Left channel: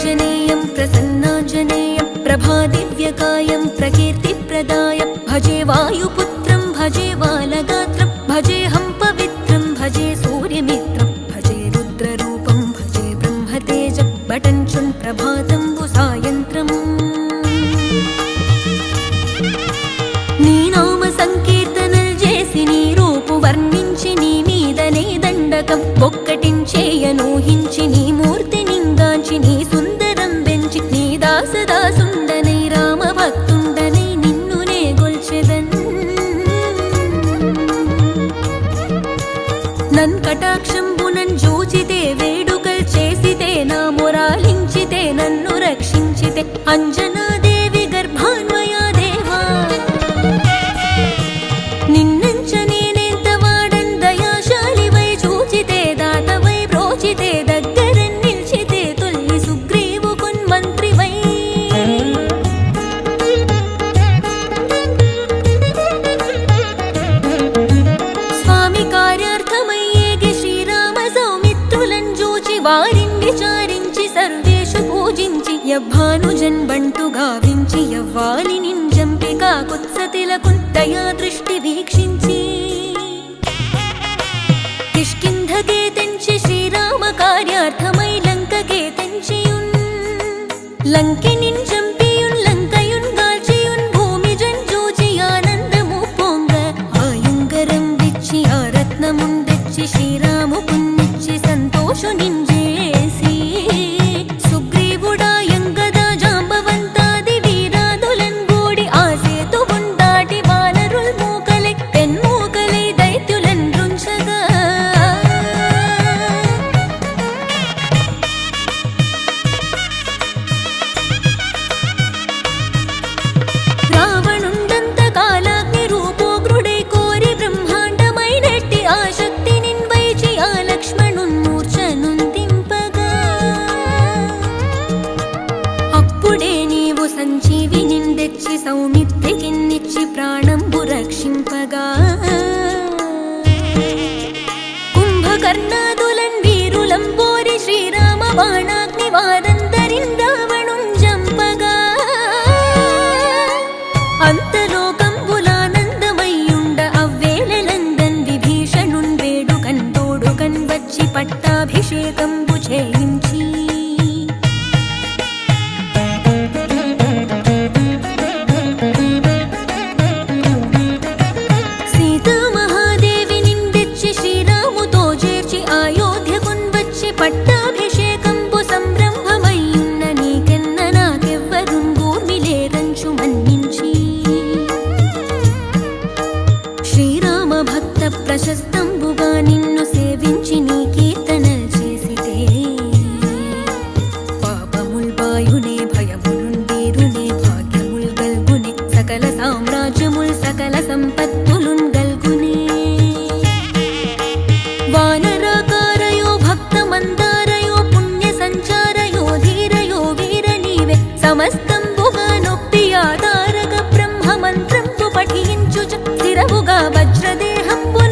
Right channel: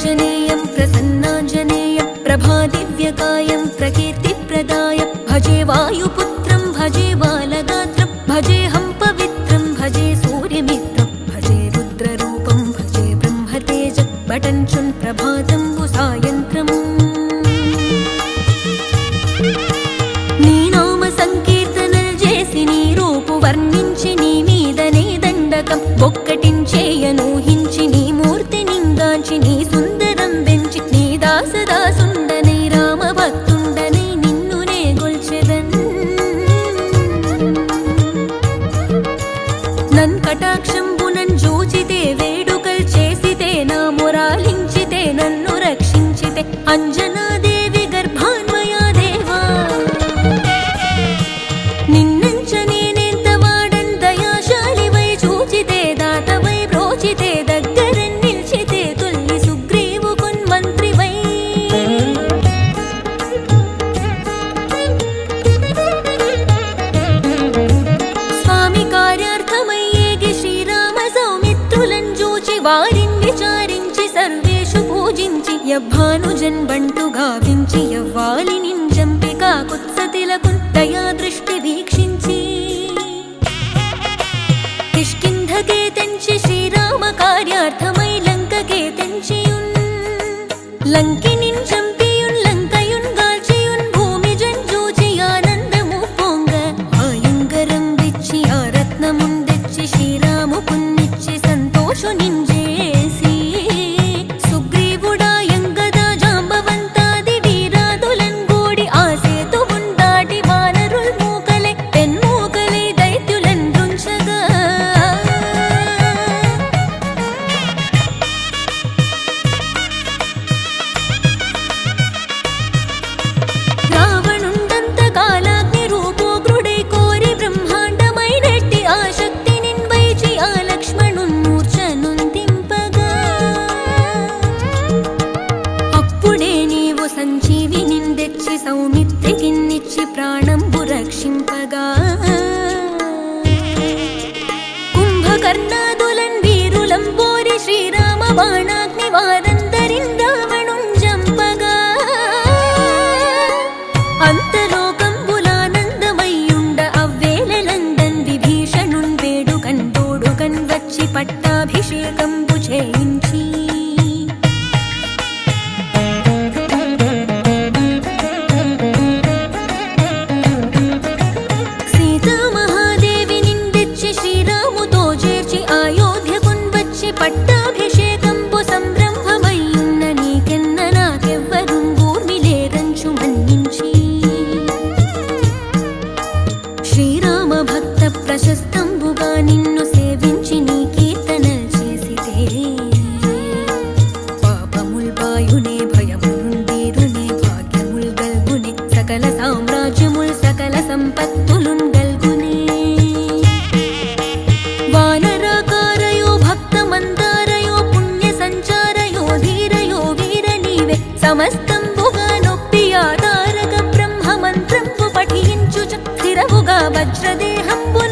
प्रसन्नाञ्जनेयं प्रसन्नाञ्जनेयं प्रभादिव्यकायं प्रकीर्तिप्रदाय भजे वायुपुत्रं भजे बालगात्रं भजेऽहं पवित्रं भजे सूर्यमित्रं भजे रुद्ररूपं भजे ब्रह्मतेज बटञ्चुन् प्रभातम्बुसायन्त्रम् నీనామ సంకీర్తనలు చేసి నీ రూపు వర్ణించి నీ మీదనే దండకం ఒక్కటించేయనూహించి నీ మూర్తి నింగాంచి నీ నన్ కటాక్షంబునన్ జూచితే వేడుకల్ చేసితే నా మురాలించితే నన్ను రక్షించితే అంజనాది స్వామి కార్యార్థమయ్యేగి శ్రీరామ సౌమిత్రులను చూచి వారిని విచారించి సర్వేషు పూజించి యవ్వానుజన్ బంటు గావించి యవ్వాలి నింజంపి కాకుత్సతిలకు దయా దృష్టి వీక్షించి. కిష్కింధకే తెంచి శ్రీరామ కార్యార్థమై లంకకే తెంచియున్ లంకి చంపియున్ శ్రీరాము పున్నిచ్చి సంతోషు నింజేసి ప్రాణంబు రక్షింపగా కుంభకర్ణాదులన్ వీరులంబోరి శ్రీరామ బాణాగ్ని వారందరిన్ రావణుం జంపగా. అంతలోకంబులానందమయ్యుండ అవ్వేళలందన్ విభీషణున్ వేడుకన్ తోడుకన్ వచ్చి పట్టాభిషేకంబు చేయించి. సీతా మహాదేవి నిందెచ్చి శ్రీరాముతో చేర్చి అయోధ్యకున్ వచ్చి పట్టాభిషేకంబు సంరంభమయ్యున్న నీకెన్న నాకెవ్వరుంగూర్మిలేరంచు మన్నించి. శ్రీరామ భక్త ప్రశస్తంబుగా నిన్ను సేవించి నీ కీర్తన చేసితే పాపముల్ బాయునే భయములుండేరునే భాగ్యముల్ సకల సామ్రాజ్యముల్ సకల సంపత్తులున్ గల్గునే. వానరాకారయో భక్త మందారయో పుణ్య సంచారయో ధీరయో వీర నీవే సమస్తంబుగా నొప్పి ఆధారక బ్రహ్మ మంత్రంబు పఠించుచు. స్థిరముగా వజ్రదేహంబు